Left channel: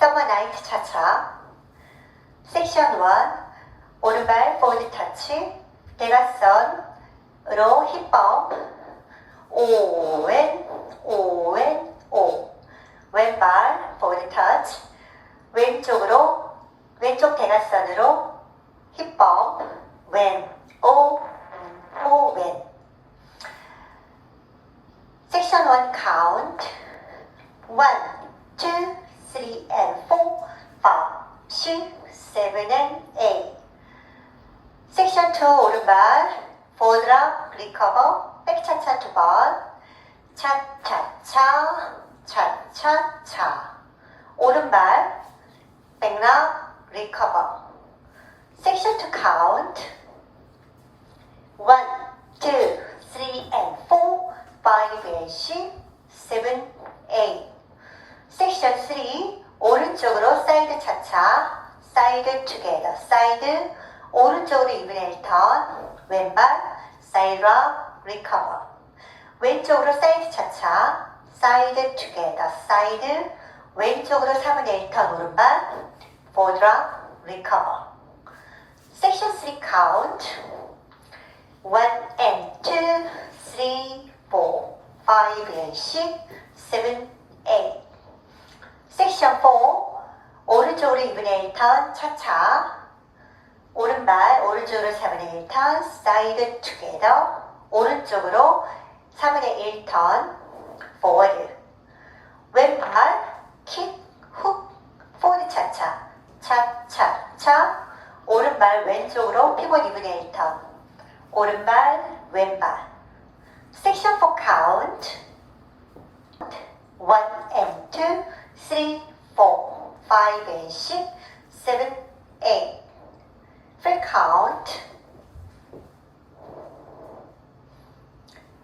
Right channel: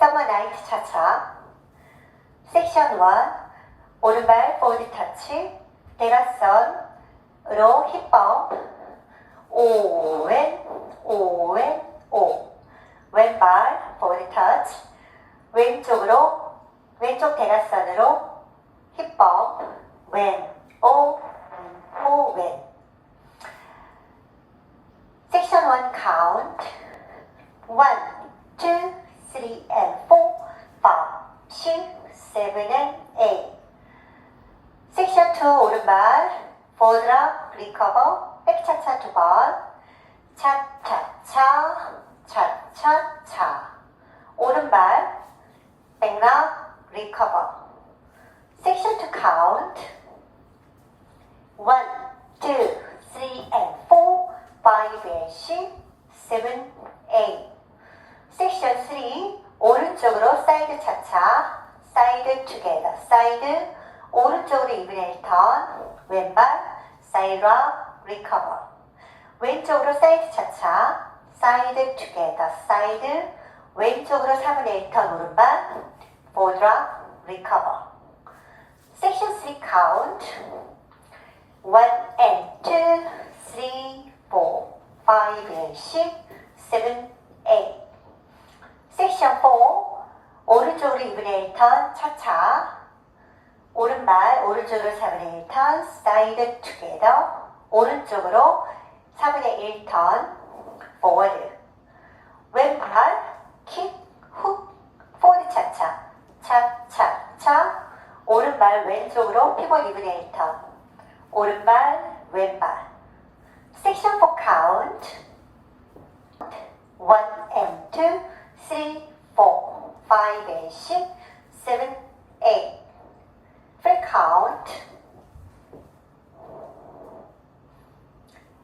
Summer Night 차차. 섹션 1. 오른발 포워드 터치. 대각선으로 힙업. 오왼 오왼 오. 왼발 포워드 터치. 왼쪽 대각선으로 힙업. 왼 오 왼. 섹션 1 count. 1, 2, 3 and 4, 5, 6, 7 and 8. 섹션 2 오른발 forward recover 백차차 2번. 차차차 차차차. 오른발 백락 recover. 섹션 2 count. 1, 2, 3 and 4, 5 and 6, 7, 8. 섹션 3 오른쪽으로 사이드 차차. 사이드 투게더. 사이드 오른쪽으로 이브넬 턴. 왼발 사이드 리커버. 왼쪽으로 사이드 차차. 사이드 투게더. 사이드 왼쪽으로 3분의 1 턴. 오른발 포워드 리커버. 섹션 3 카운트. 1 and 2, 3, 4, 5 and 6, 7, 8. 섹션 4 오른쪽으로 2분의 1 턴 차차. 오른발 오른쪽으로 4분의 1 턴 사이드 투게더. 오른쪽으로 4분의 1 턴 포워드. 왼발 킥 훅 포워드 차차. 차차차. 오른발 왼쪽으로 피봇 2분의 1 턴. 오른발 왼발. 섹션 4 카운트. 1 and 2, 3, 4, 5 and 6, 7, 8. Full count.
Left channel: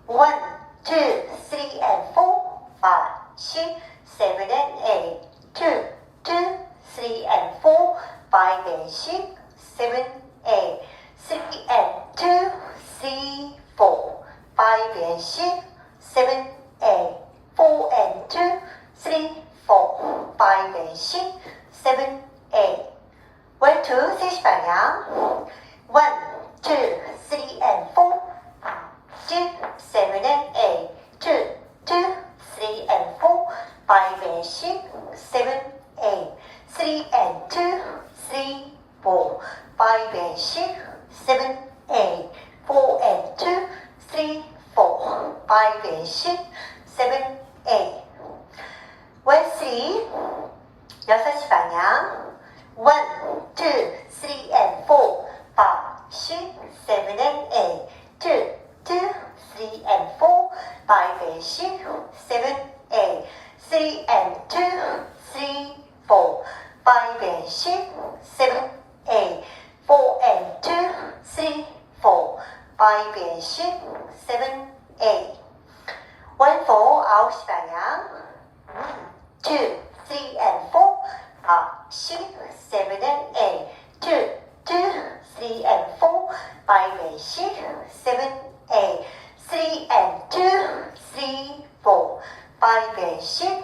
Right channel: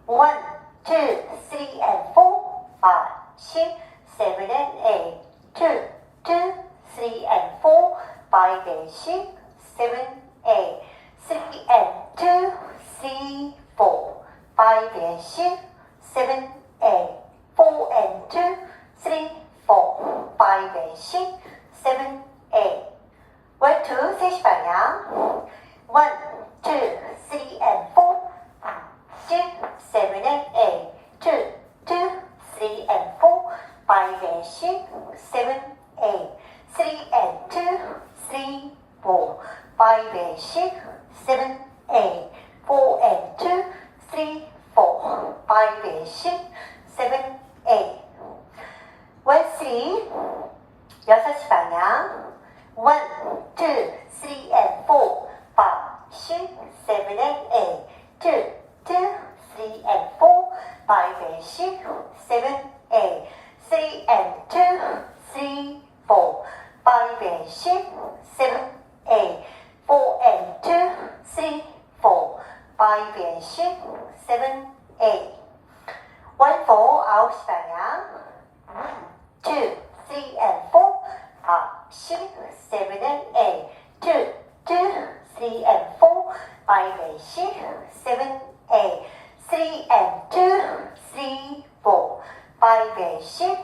1, 2, 3 and 4, 5, 6, 7 and 8. 2, 2, 3 and 4, 5 and 6, 7, 8. 3 and 2, 3, 4, 5 and 6, 7, 8. 4 and 2, 3, 4, 5 and 6, 7, 8. 1, 2, 3시 방향. 1, 2, 3 and 4, 5, 6, 7 and 8. 2, 2, 3 and 4, 5 and 6, 7, 8. 3 and 2, 3, 4, 5 and 6, 7, 8. 4 and 2, 3, 4, 5 and 6, 7, 8. 1, 3, 6시 방향. 1, 2, 3 and 4, 5, 6, 7 and 8. 2, 2, 3 and 4, 5 and 6, 7, 8. 3 and 2, 3, 4, 5 and 6, 7, 8. 4 and 2, 3, 4, 5 and 6, 7, 8. 1, 4, 9시 방향. 1, 2, 3 and 4, 5, 6, 7 and 8. 2, 2, 3 and 4, 5 and 6, 7, 8. 3 and 2, 3, 4, 5 and 6,